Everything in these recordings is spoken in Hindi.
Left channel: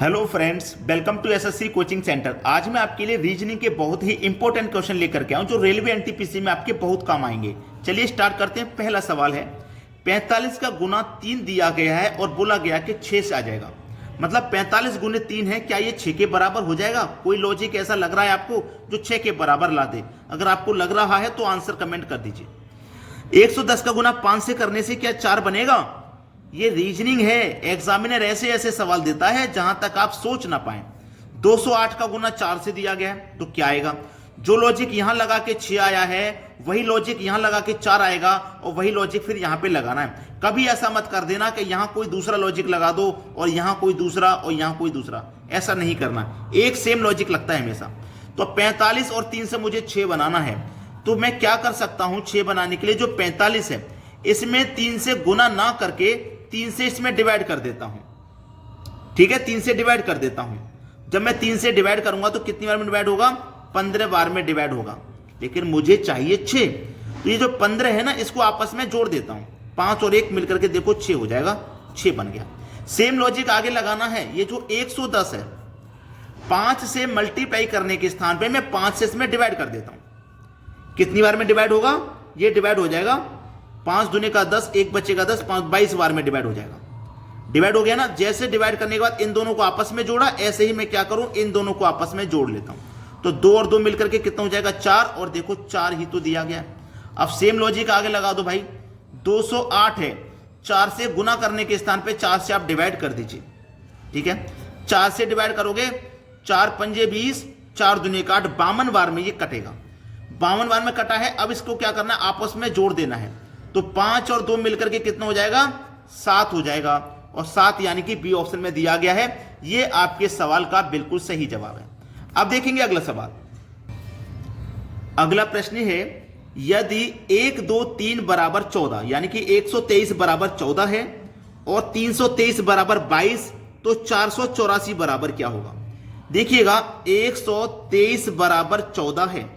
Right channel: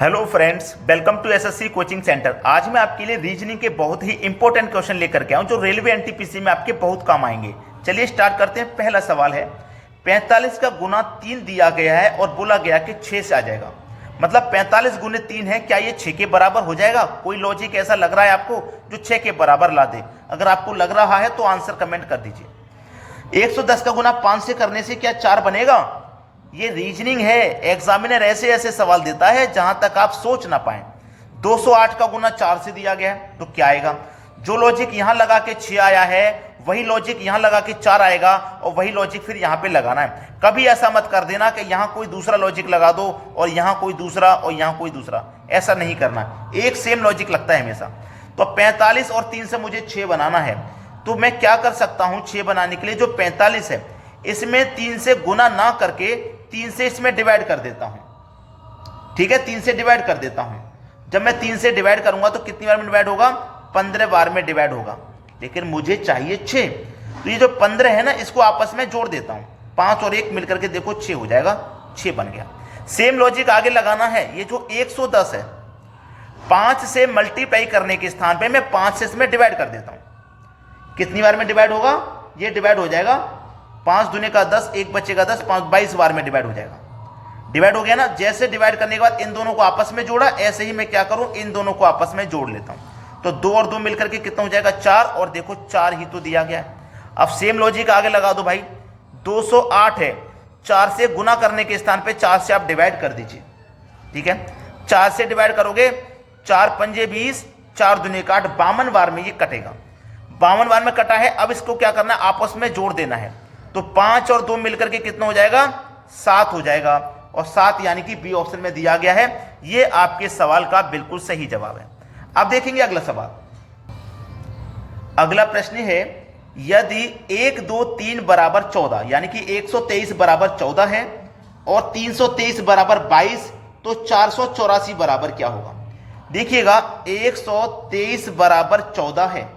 Hello friends, welcome to SSC coaching centre. आज मैं आपके लिए रीजनिंग के बहुत ही इंपॉर्टेंट क्वेश्चन लेकर के आऊं जो रेलवे एनटीपीसी में आपके बहुत काम आएंगे। चलिए स्टार्ट करते हैं। पहला सवाल है, 45 का गुना 3 दिया गया है और बोला गया कि 6 से आ जाएगा। मतलब 45 गुने 3 है, क्या ये 6 के बराबर हो जाएगा? कोई लॉजिक ऐसा लग रहा है आपको जो 6 के बराबर ला दे? अगर आपको लग रहा है तो आंसर कमेंट कर दीजिए। 110 का गुना 5 से करने से क्या 4 बनेगा? ये रीजनिंग है। एग्जामिनर ऐसे ऐसे सवाल देता है जहां तक आप सोच ना पाए। 208 का गुना 4 से दिया गया है तो क्या आएगा? जो लॉजिक यहां लगा के 6 आया है वही लॉजिक यहां लगा के 4 आएगा और वही लॉजिक फिर यहां पे लगाना है। कभी ऐसा मत कर देना कि यहां कोई दूसरा लॉजिक लगा दो और यहां कोई दूसरा और यहां कोई दूसरा। ऐसा नहीं करना, एक सेम लॉजिक लगता है हमेशा। तो 45 और 3 से मुझे 6 बनाना है, तो मैं क्या कर सकता हूं? 6 बनाने के लिए जो 45 है इसमें 3 से गुना ना करके 3 से इसमें डिवाइड कर देता हूं। ठीक है, 3 से डिवाइड कर देता हूं। जब मैं 3 से डिवाइड करूंगा तो कितनी बार में डिवाइड होगा? 15 बार में डिवाइड होगा। लेकिन मुझे चाहिए 6, तो ये जो 15 है ना इसको आपस में जोड़ देता हूं। 5 और 1 मिलकर के देखो 6 हो जाएगा, 6 बन गया। सेम लॉजिक आगे लगाना है। ये जो 110 है 5 से मल्टीप्लाई करने के स्थान पे मैं 5 से इसमें डिवाइड कर देता हूं। कितनी बार में डिवाइड होगा? ये डिवाइड हो जाएगा 5 दूने का 10, 1 बचेगा 10, 5 22 बार में डिवाइड हो जाएगा। डिवाइड हो गया ना। जैसे डिवाइड करने के बाद इन दोनों को आपस में जोड़ा, ऐसे ही मैं क्या करूं? इन दोनों को आपस में जोड़ लेता हूं। तो 2 और 2 मिलकर के कितना हो जाएगा? 4। और देखो 4 ही तो दिया गया है। अब सेम लॉजिक आगे लगा दो भाई। 208 है, 4 से गुना करने के स्थान पे 4 से आप डिवाइड कर दीजिए। ठीक है, 4 से डिवाइड करोगे 4 पंजे 20, 4 दूने का 8, 52 बार में ये कटेगा। 52 बार में कटा है। अब इसको क्या करना है? आपस में जोड़ देना है। तो 5 और 2 मिलकर के कितना हो जाएगा? 7 हो जाएगा। और 7 यानी कि बी ऑप्शन में दिया गया है। ये आपके सवाल का बिल्कुल सही जवाब है। अब देखेंगे अगला सवाल। अगला प्रश्न है, यदि 1 2 3 बराबर 14 यानी कि 123 बराबर 14 है और 323 बराबर 22, तो 484 बराबर क्या होगा? देखिएगा 123 बराबर 14 है।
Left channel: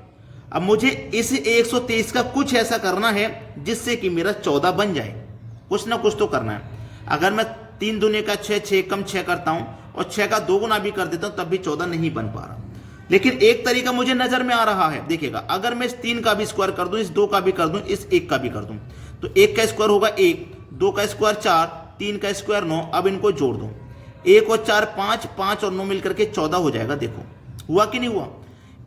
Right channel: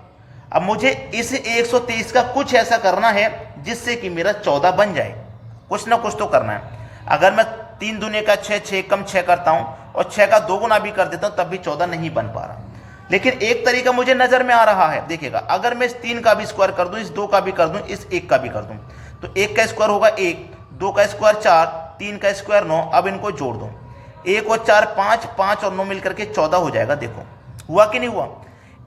अब मुझे इस 123 का कुछ ऐसा करना है जिससे कि मेरा 14 बन जाए। कुछ ना कुछ तो करना है। अगर मैं 3 दूने का 6, 6 कम 6 करता हूं और 6 का 2 गुना भी कर देता हूं तब भी 14 नहीं बन पा रहा। लेकिन एक तरीका मुझे नजर में आ रहा है। देखिएगा, अगर मैं इस 3 का भी स्क्वायर कर दूं, इस 2 का भी कर दूं, इस 1 का भी कर दूं, तो 1 का स्क्वायर होगा 1, 2 का स्क्वायर 4, 3 का स्क्वायर 9। अब इनको जोड़ दो, 1 और 4 5, 5 और 9 मिलकर के 14 हो जाएगा। देखो हुआ कि नहीं हुआ?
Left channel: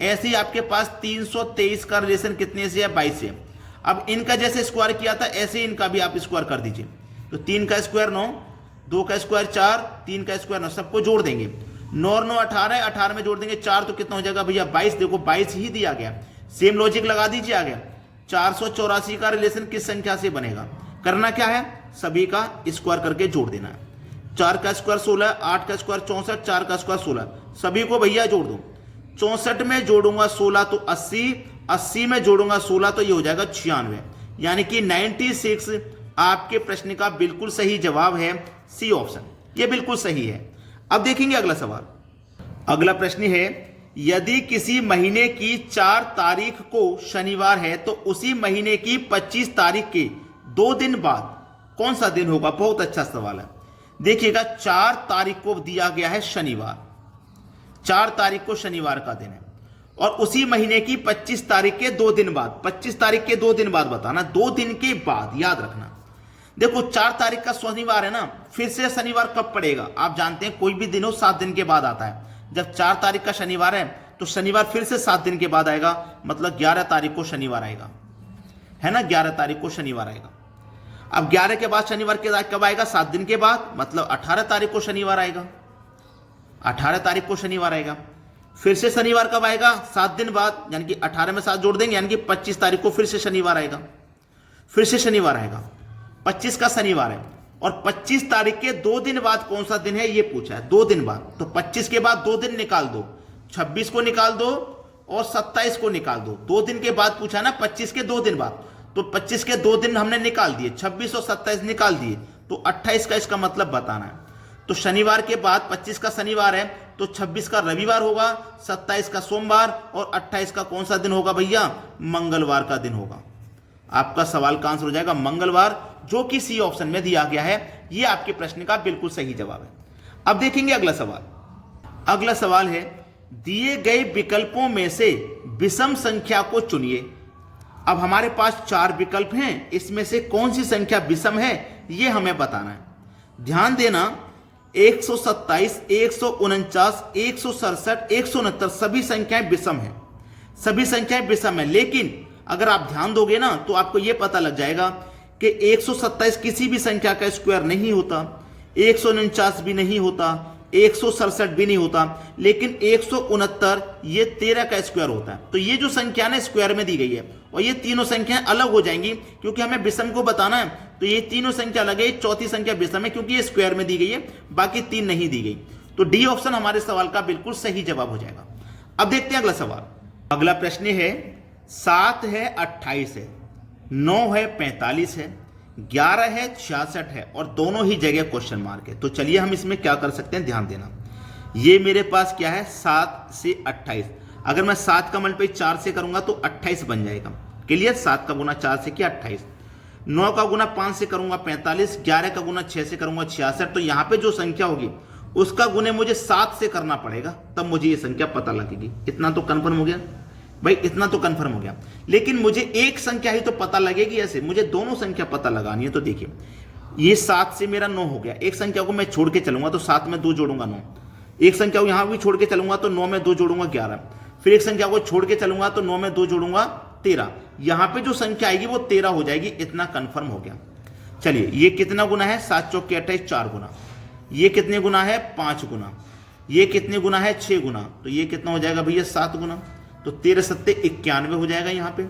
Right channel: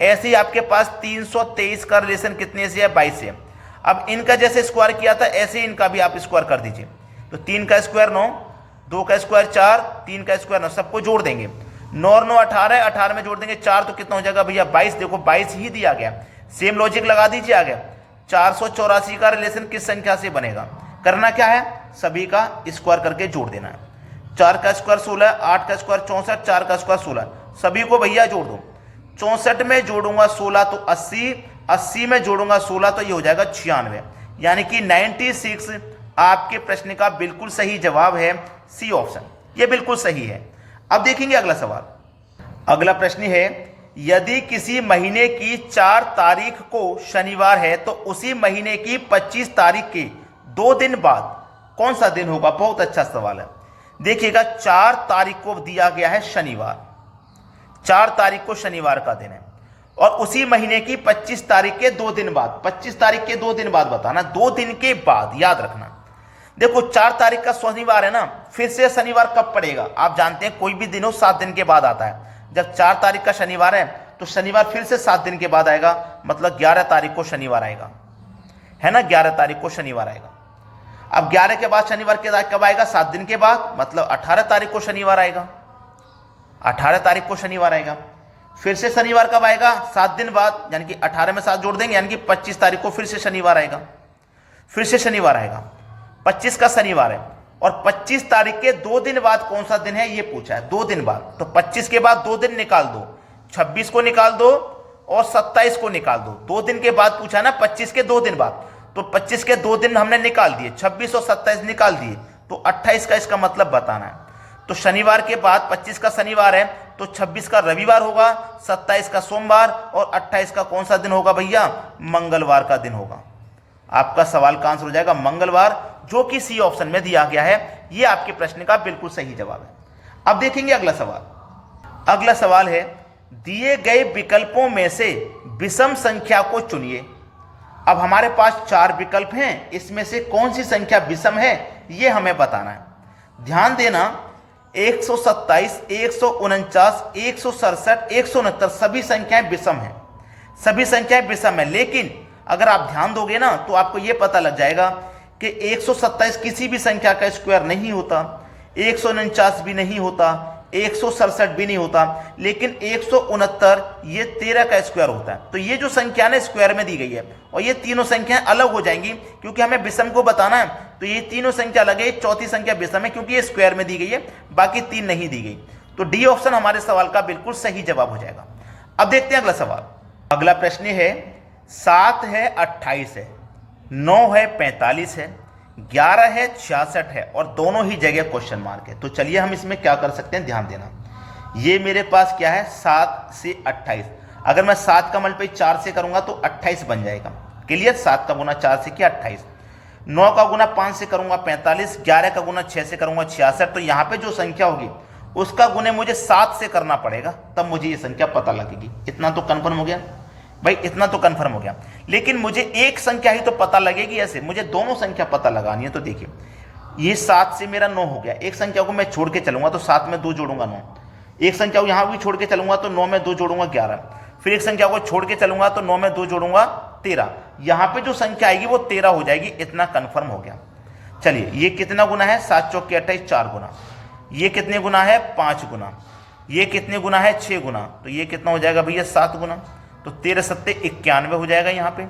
ऐसे ही आपके पास 323 का रिलेशन कितने से है? 22 से। अब इनका जैसे स्क्वायर किया था ऐसे इनका भी आप स्क्वायर कर दीजिए। तो 3 का स्क्वायर 9, 2 का स्क्वायर 4, 3 का स्क्वायर 9, सबको जोड़ देंगे। 9 और 9 18, 18 में जोड़ देंगे 4, तो कितना हो जाएगा भैया? 22। देखो 22 ही दिया गया। सेम लॉजिक लगा दीजिए आगे। 484 का रिलेशन किस संख्या से बनेगा? करना क्या है? सभी का स्क्वायर करके जोड़ देना है। 4 का स्क्वायर 16, 8 का स्क्वायर 64, 4 का स्क्वायर 16, सभी को भैया जोड़ दो। 64 में जोड़ूंगा 16 तो 80, 80 में जोड़ूंगा 16 तो ये हो जाएगा 96। यानी कि 96 आपके प्रश्न का बिल्कुल सही जवाब है, सी ऑप्शन। ये बिल्कुल सही है। अब देखेंगे अगला सवाल। अगला प्रश्न है, यदि किसी महीने की 4 तारीख को शनिवार है तो उसी महीने की 25 तारीख के 2 दिन बाद कौन सा दिन होगा? बहुत अच्छा सवाल है। देखिएगा 4 तारीख को दिया गया है शनिवार, 4 तारीख को शनिवार का दिन है और उसी महीने की 25 तारीख के 2 दिन बाद, 25 तारीख के 2 दिन बाद बताना, 2 दिन के बाद याद रखना। देखो 4 तारीख का शनिवार है ना, फिर से शनिवार कब पड़ेगा? आप जानते हैं कोई भी दिन हो 7 दिन के बाद आता है। जब 4 तारीख का शनिवार है तो शनिवार फिर से 7 दिन के बाद आएगा, मतलब 11 तारीख को शनिवार आएगा, है ना? 11 तारीख को शनिवार आएगा। अब 11 के बाद शनिवार के कब आएगा? 7 दिन के बाद, मतलब 18 तारीख को शनिवार आएगा। 18 तारीख को शनिवार आएगा। फिर से शनिवार कब आएगा? 7 दिन बाद, यानी कि 18 में 7 जोड़ देंगे, यानी कि 25 तारीख को फिर से शनिवार आएगा। फिर से शनिवार आएगा, 25 का शनिवार है और 25 तारीख के 2 दिन बाद कौन सा दिन है ये पूछा है। 2 दिन बाद, तो 25 के बाद 2 दिन निकाल दो, 26 को निकाल दो और 27 को निकाल दो। 2 दिन के बाद पूछा ना, 25 के 2 दिन बाद, तो 25 के 2 दिन हमने निकाल दिए, 26 और 27 निकाल दिए, तो 28 का इसका मतलब बताना है। तो शनिवार के बाद 25 का शनिवार है तो 26 का रविवार होगा, 27 का सोमवार और 28 का कौन सा दिन होगा भैया? मंगलवार का दिन होगा। आपका सवाल का आंसर हो जाएगा मंगलवार, जो कि सी ऑप्शन में दिया गया है। ये आपके प्रश्न का बिल्कुल सही जवाब है। अब देखेंगे अगला सवाल। अगला सवाल है, दिए गए विकल्पों में से विषम संख्या को चुनिए। अब हमारे पास 4 विकल्प हैं, इसमें से कौन सी संख्या विषम है यह हमें बताना है। ध्यान देना, 127, 149, 167, 169 सभी संख्याएं विषम हैं, सभी संख्याएं विषम हैं। लेकिन अगर आप ध्यान दोगे ना तो आपको यह पता लग जाएगा कि 127 किसी भी संख्या का स्क्वायर नहीं होता, 149 भी नहीं होता, 167 भी नहीं होता, लेकिन 169 ये 13 का स्क्वायर होता है। तो ये जो संख्या ना स्क्वायर में दी गई है और ये तीनों संख्याएं अलग हो जाएंगी क्योंकि हमें विषम को बताना है। तो ये तीनों संख्या अलग है, चौथी संख्या विषम है क्योंकि ये स्क्वायर में दी गई है, बाकी 3 नहीं दी गई। तो डी ऑप्शन हमारे सवाल का बिल्कुल सही जवाब हो जाएगा। अब देखते हैं अगला सवाल। अगला प्रश्न है, 7 है 28 है, 9 है 45 है, 11 है 66 है और दोनों ही जगह क्वेश्चन मार्क है। तो चलिए हम इसमें क्या कर सकते हैं, ध्यान देना। ये मेरे पास क्या है, 7 से 28। अगर मैं 7 का मल्टीप्लाई 4 से करूंगा तो 28 बन जाएगा। क्लियर, 7 का गुना 4 से किया 28, 9 का गुना 5 से करूंगा 45, 11 का गुना 6 से करूंगा 66। तो यहां पे जो संख्या होगी उसका गुने मुझे 7 से करना पड़ेगा, तब मुझे ये संख्या पता लगेगी। इतना तो कंफर्म हो गया भाई, इतना तो कंफर्म हो गया। लेकिन मुझे एक संख्या ही तो पता लगेगी, ऐसे मुझे दोनों संख्या पता लगानी है। तो देखिए, ये 7 से मेरा 9 हो गया, एक संख्या को मैं छोड़ के चलूंगा तो 7 में 2 जोड़ूंगा 9, एक संख्या को यहां भी छोड़ के चलूंगा तो 9 में 2 जोड़ूंगा 11, फिर एक संख्या को छोड़ के चलूंगा तो 9 में 2 जोड़ूंगा 13। यहां पे जो संख्या आएगी वो 13 हो जाएगी, इतना कंफर्म हो गया। चलिए, ये कितना गुना है, 7 चौक 28, 4 गुना। ये कितने गुना है, 5 गुना। ये कितने गुना है, 6 गुना। तो ये कितना हो जाएगा भैया, 7 गुना। तो 13 सत्ते 91 हो जाएगा यहाँ पे।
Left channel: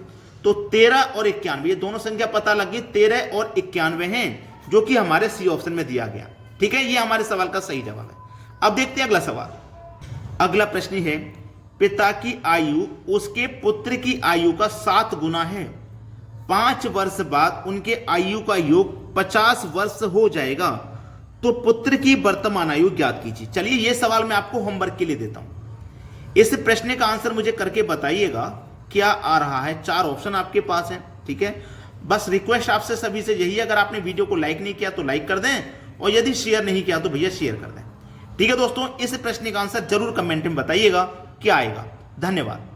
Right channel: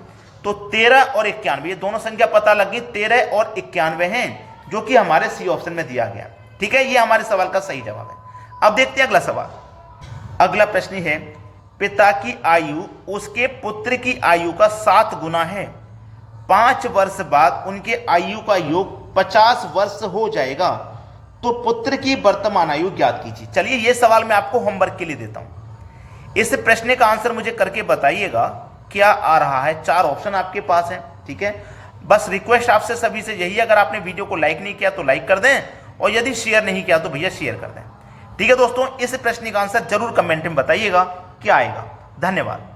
तो 13 और 91 ये दोनों संख्या पता लगी, 13 और 91 हैं, जो कि हमारे सी ऑप्शन में दिया गया। ठीक है, ये हमारे सवाल का सही जवाब है। अब देखते हैं अगला सवाल। अगला प्रश्न है, पिता की आयु उसके पुत्र की आयु का 7 गुना है, 5 वर्ष बाद उनके आयु का योग 50 वर्ष हो जाएगा, तो पुत्र की वर्तमान आयु ज्ञात कीजिए। चलिए, ये सवाल मैं आपको होमवर्क के लिए देता हूं। इस प्रश्न का आंसर मुझे करके बताइएगा क्या आ रहा है। 4 ऑप्शन आपके पास हैं। ठीक है, बस रिक्वेस्ट आपसे सभी से यही है, अगर आपने वीडियो को लाइक नहीं किया तो लाइक कर दें, और यदि शेयर नहीं किया तो भैया शेयर कर दें। ठीक है दोस्तों, इस प्रश्न का आंसर जरूर कमेंट में बताइएगा क्या आएगा। धन्यवाद।